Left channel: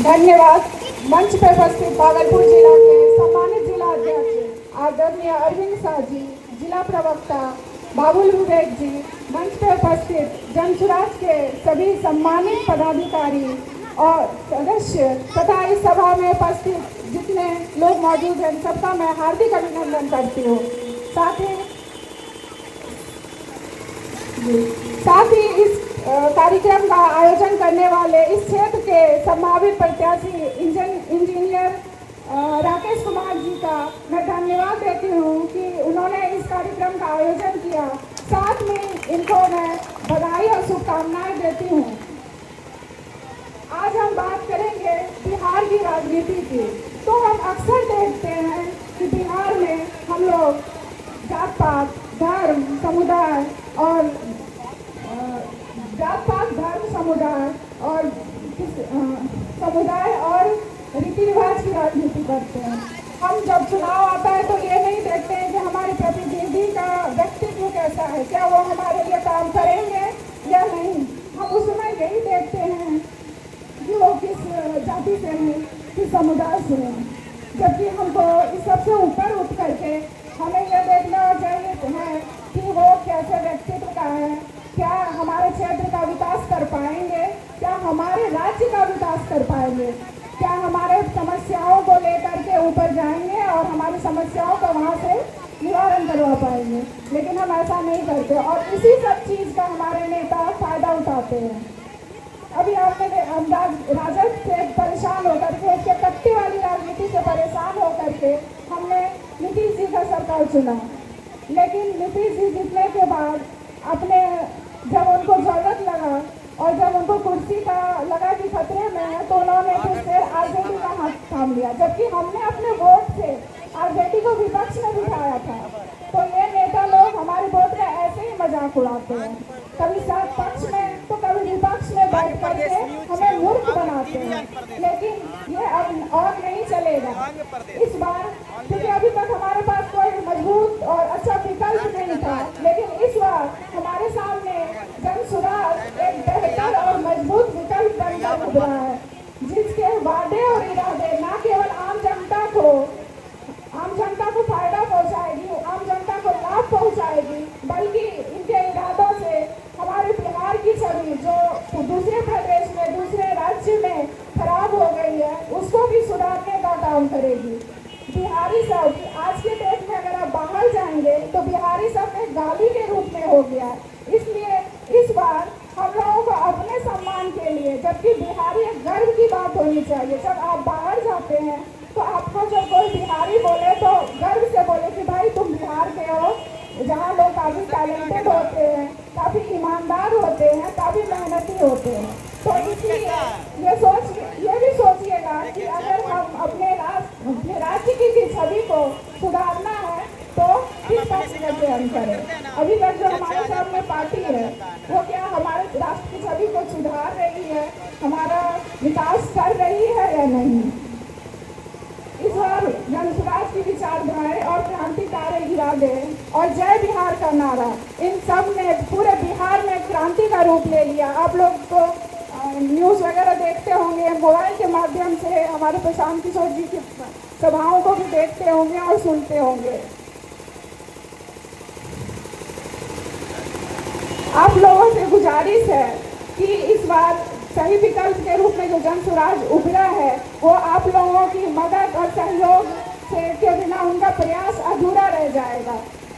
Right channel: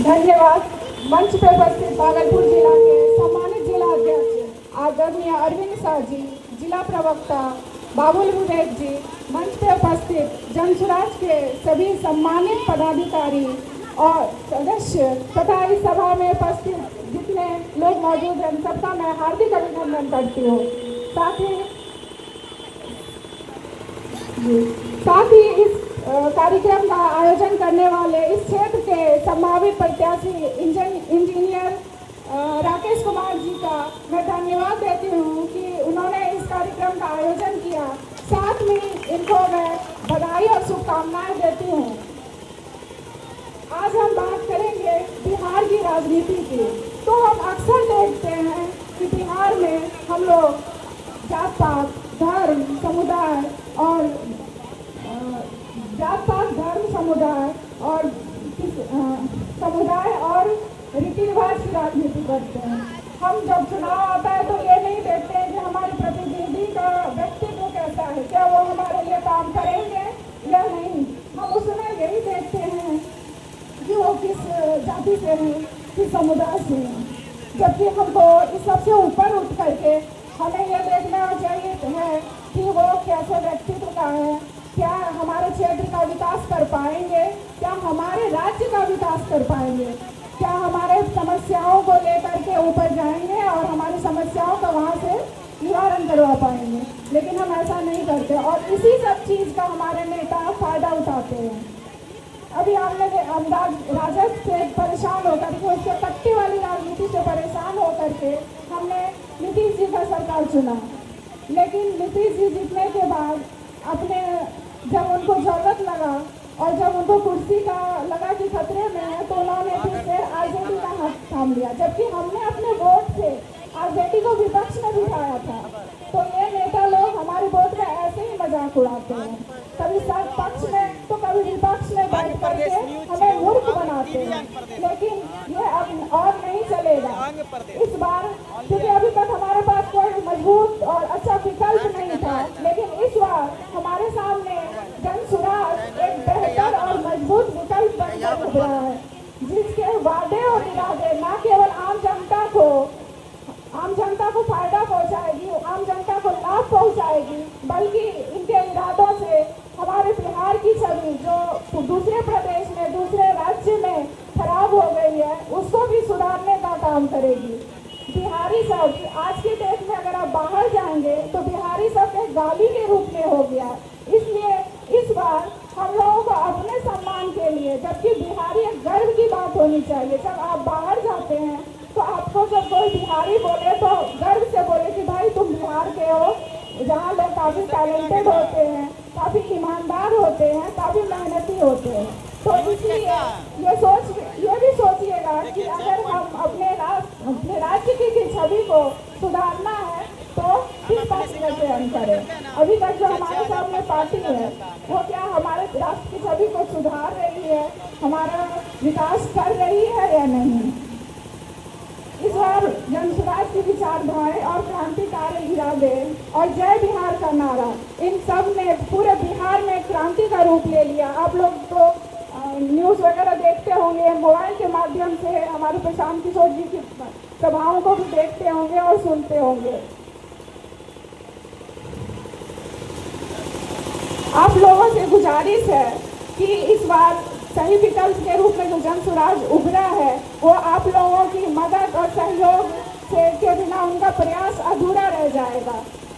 धन्यवाद। मंच पर उपस्थित भागलपुर जिला के सम्मानित जिला अध्यक्ष आदरणीय अरविंद शाह जी, जिला प्रवक्ता बाबुल विवेक जी, मंच पर उपस्थित जनसुराज के सभी सम्मानित पदाधिकारी और सदस्य तथा इस सभा में उपस्थित जितने लोग मौजूद हैं, सबका मैं हार्दिक अभिनंदन करती हूँ। साथ ही इस कार्यक्रम का आयोजन करने वाले इस क्षेत्र के संभावित प्रत्याशी इंजीनियर राकेश कुमार जी का मैं धन्यवाद देती हूँ कि उन्होंने इस कार्यक्रम का आयोजन किया। साथ में इनको मैं बधाई और शुभकामनाएं देती हूँ। आज हम बात करेंगे बिहार की राजनीति की। तो हम अक्सर देखते हैं कि बिहार में हम लोग जात पात, धर्म, समुदाय और रीति रिवाज की राजनीति करते हैं। हम जब चुनाव आता है तो ये नहीं देखते हैं कि हमारे प्रतिनिधि का व्यक्तित्व कैसा है, क्या वो हमारे लिए काम करेंगे या नहीं। हम उसमें यही देखते हैं कि वो किस जाति से हैं, किस समुदाय से हैं। जबकि हमको इस सबसे ऊपर उठ करके हमें यह देखना चाहिए है कि वो कैसे व्यक्तित्व का है, क्या हमारे क्षेत्र का विकास कर पाएंगे, क्या हमारे राज्य का विकास कर पाएंगे, क्या हमारे समस्याओं को लेकर के ऊपर जाएंगे और हमारी समस्याओं का वहाँ से निवारण करवा पाएंगे। लेकिन हम ऐसा नहीं करते और इसी सब चीज़ का हमारे नेता फायदा उठाते हैं। अभी हमने राजद से परेशान होकर के, उसके कट्टी वाली राजनीति से परेशान होकर के हमने नीतीश जी का सरकार चुना। लेकिन नीतीश जी जीतने के बाद अपने जब उनको जरूरत लगा और जब उनको कुर्सी का लगा कि खतरे में है तो उन्होंने फिर से आरजेडी का हाथ थाम लिया। जबकि हमने अपने वोट से आरजेडी को विपक्ष में बिठाया था। तो ये नेता लोग हमारे वोट का ऐसे ही मजाक उड़ाते हैं, कभी साथ पक्ष में तो कभी विपक्ष में बैठ करके हमें मूर्ख बनाते हैं। लेकिन ये अब और नहीं चलेगा इस बार, क्योंकि अभी तक हमारे पास कोई मजबूत और अच्छा विकल्प नहीं था। लेकिन इस बार हमारे सामने जनसुराज एक बेहतर और मजबूत विकल्प बनकर उभरा है, जिसके वादे और इरादे न केवल आम जनता को फायदा पहुंचाएगी, आम जनता को लाभ पहुंचाएगी, बल्कि इनके इरादों से हमारे बिहार की छवि जो दूसरे प्रदेश में, दूसरे राज्य में खराब हो गई है, उसको भी सुधारने का काम करेगी। बिहारी सब आज के डेट में अगर आप बाहर जाएंगे तो बिहारी सब एक गाली के रूप में हो गया। इसलिए इस बार हम लोगों को अपने सम्मान के लिए, जबकि बिहारी एक गर्व की बात होनी चाहिए। जब आप बाहर जाते हैं तो आपको जब कोई बिहारी बोले तो गर्व से बोले कि भाई तुम बिहार के हो, जहाँ लोग काफ़ी टैलेंटेड होते हैं, काफ़ी ईमानदार होते हैं, काफ़ी मेहनती होते हैं। तो इसलिए ये भी सोचिएगा कि अगर हम अपने राज्य की छवि को सुधारना है तो किस पक्ष से हम करें। अभी तक जो हमारे सामने पार्टी है वो क्या हमारे राष्ट्र की छवि को सुधार रही है, हमारा विकास कर रही है या नहीं। इस बार जनसुराज की विचारधाराएं और क्रांतिकारी इरादे और जय बिहार का नारा, इन सब ने पूरे बिहार में क्रांति का रूप ले लिया। आप लोग तो न्यूज़ वगैरह देखते होंगे, मोबाइल के माध्यम से हमारे प्रशांत किशोर जी की सभाओं को भी देखते होंगे और सुनते होंगे। आप लोगों से गुजारिश है कि इस बार सही विकल्प के रूप में जो जनसुराज उभरा है वो आप लोगों की मदद और सहयोग से के बिना उनका प्रयास अधूरा रह जाएगा।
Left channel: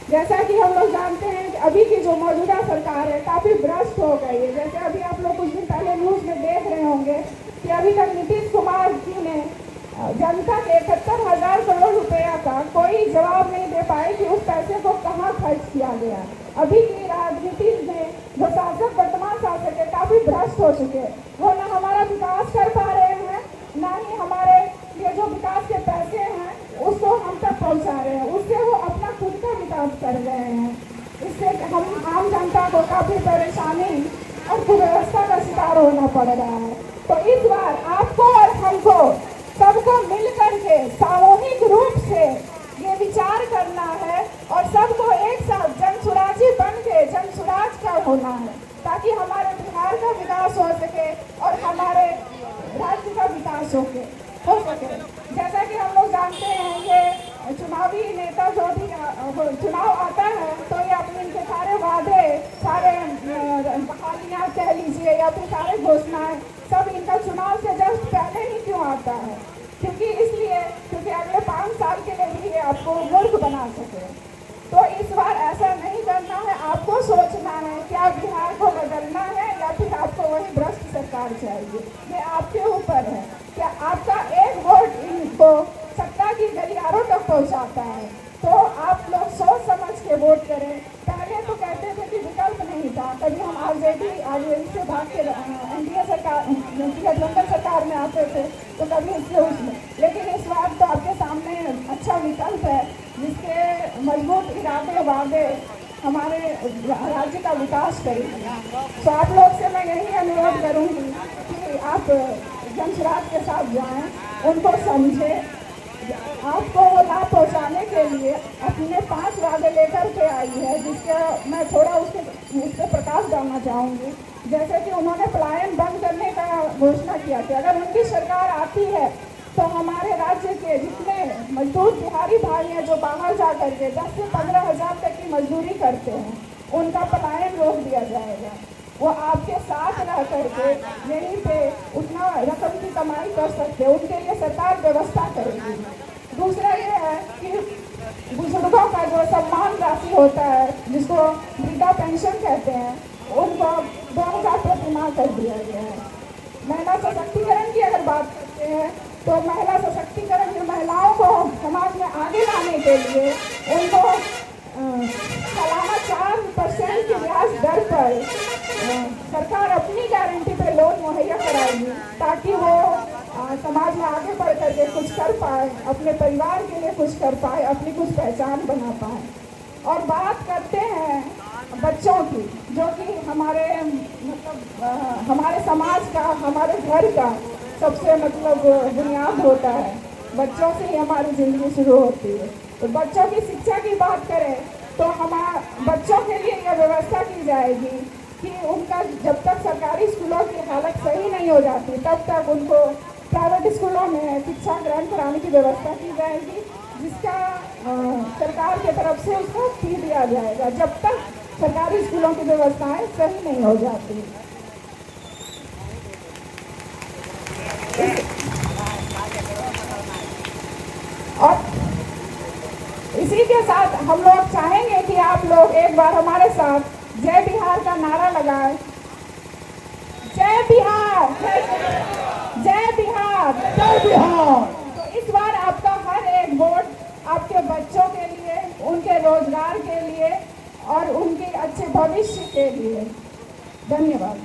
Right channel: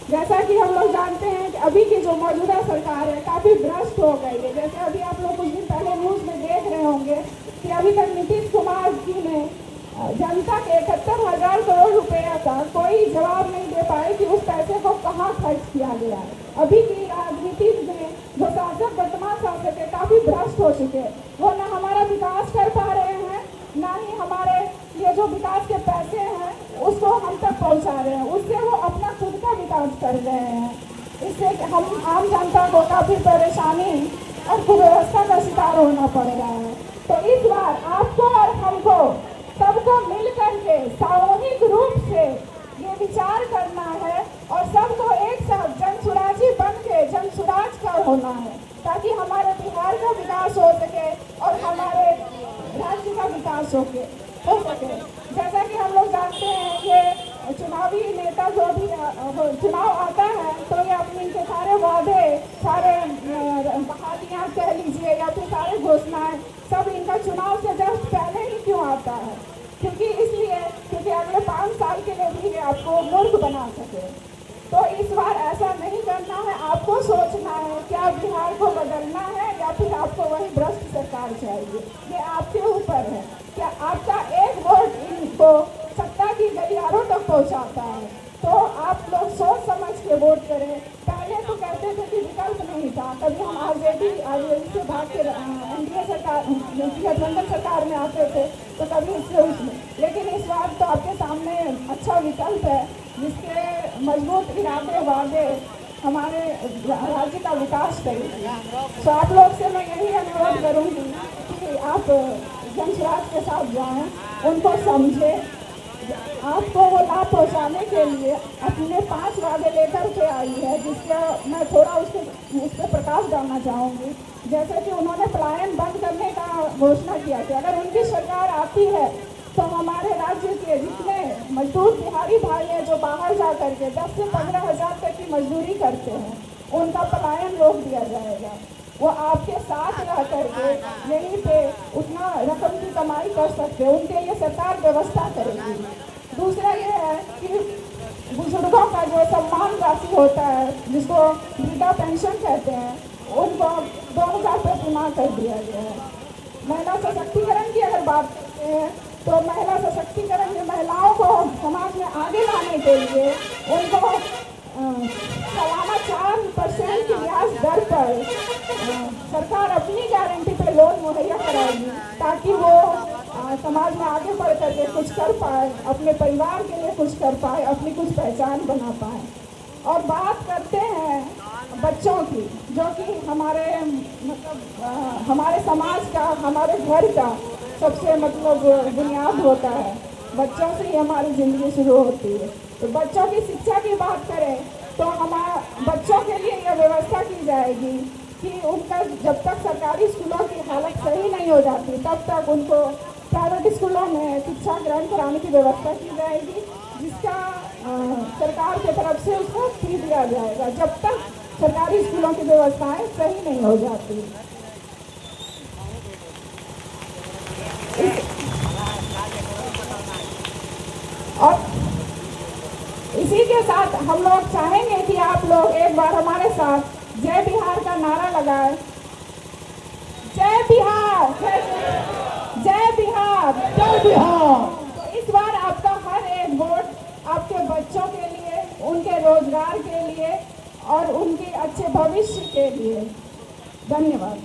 जैसा कि हम लोग जानते हैं कि अभी की जो मौजूदा सरकार है काफ़ी भ्रष्ट हो गई है। जैसे अभी आप लोग कुछ दिन पहले न्यूज़ में देख रहे होंगे कि अभी तक नीतीश कुमार जी ने जनता के 71,000 करोड़ रुपया का कोई जवाब नहीं दे पाए कि उस पैसे को कहाँ खर्च किया गया है। अभी की राजनीति में जो शासक, वर्तमान शासक है, काफ़ी भ्रष्ट हो चुके हैं। वो न हमारा विकास कर पा रहे हैं, न ही हमारे ये जो विकास के पैसे हैं उसको हम तक पहुँचा रहे हैं। उससे वो अपना खुद का विकास कर रहे हैं। इससे हम आम जनता को काफ़ी परेशानी और कुव्यवस्था का शिकार होना पड़ रहा है। तो इस बार आपको और हमको सबको मिल करके सामूहिक रूप से ये विचार करना है और सबको एक साथ जनसुराजी बन के जनसुराज का होना है, ताकि हमारे बिहार का विकास हो सके और हमारे राज्य का विकास हो सके। जैसा कि हम लोग जानते हैं कि चुनावी नेता जो भी चुनाव आता है तो ये अपने इनके सारे वादे, सारे बहालियाँ कह लीजिए या फिर सारे घोषणाएं सब इनका चुनाव से जस्ट पहले ही क्यों आता है? क्योंकि अगले 5 साल के लिए भी आपको मूर्ख बना सके। तो इस बार ऐसा नहीं करना है, आपको सोचना है क्या बिहार को बदलना है या फिर आपको वही भ्रष्ट सरकार चाहिए। ये आपके ऊपर है। क्या आपका एक वोट इनको सत्ता की गलियारों तक पहुंचाता है? तो आप लोग सोच समझ के वोट करें। पहले तो कहते थे कि विकल्प नहीं था, कभी हम आरजेडी से भाग के एनडीए सरकार, गठबंधन सरकार में आते थे तो कभी इससे उसमें, लेकिन इस बार तो आपके सामने अच्छा विकल्प है जिसके मजबूत इरादे वादे हमारे राज्य का विकास करेंगे। तो आप लोग से मैं यही अनुरोध करूँगी कि आप जनसुराज के साथ जाएं, उनको समझें। आपको वो लाभ पहुँचाने के लिए अपने 5 वादे लेकर के आई है, जिसका मैं थोड़ा उस पर प्रकाश डालना चाहूँगी। जैसे कि उन्होंने पलायन बंद करने का घोषणा किया कि अगर उनकी सरकार आती है तो हमारे राज्य के जितने मजदूर बिहारी भाई हैं जो बाहर जा करके 10 से 15 हज़ार तक की मजदूरी करते हैं, उनका पलायन रोक दिया जाएगा। वो आपके साथ रह करके यहीं पे उतना रकम की कमाई कर सकते हैं, उनके लिए सरकार व्यवस्था करेगी। दूसरा ये है कि बुजुर्गों का जो सम्मान राशि होता है, जिसको वृद्धा पेंशन कहते हैं, उनको 2000 प्रति माह कर दिया गया है। महिला सशक्तिकरण की अगर बात करते हैं तो महिला सशक्तिकरण में महिलाओं को समाज में आगे लाने के लिए उनको सालाना 4% की ब्याज दर पर सरकार अपनी गारंटी पर लोन मुहैया कराएगी, ताकि वो समाज में आगे बढ़ करके कुछ कर पाए, अपने परिवार के लिए कुछ कर पाए, अपनी कुछ पहचान बना पाए। और बात करते हैं बच्चों की, जो कि हमारे हमारे समाज का, हमारे घर का सबसे बुनियाद होता है। बच्चों से ही हमारी ज़िंदगी शुरू होती है। तो बच्चों की शिक्षा की बात करें तो बच्चों के लिए यह व्यवस्था की जाएगी कि उनका जब तक सरकारी स्कूलों की हालत सही नहीं हो जाती तब तक उनको प्राइवेट स्कूलों में शिक्षा ग्रहण कराने की व्यवस्था की जाएगी, जिसका सरकार की तरफ से उसको फी दिया जाएगा जब तक सरकारी स्कूलों की व्यवस्थाएं सही नहीं हो जाती। और इसी के साथ हम लोग चाहेंगे कि आप लोग एक बार हमारे साथ जय बिहार का नारा लगाएं। जय बिहार, जय बिहार, जय बिहार। तो इस बार आपका हर एक वोट आपके बच्चों के लिए, उनके रोजगार के लिए और उनके अच्छे भविष्य के लिए। धन्यवाद।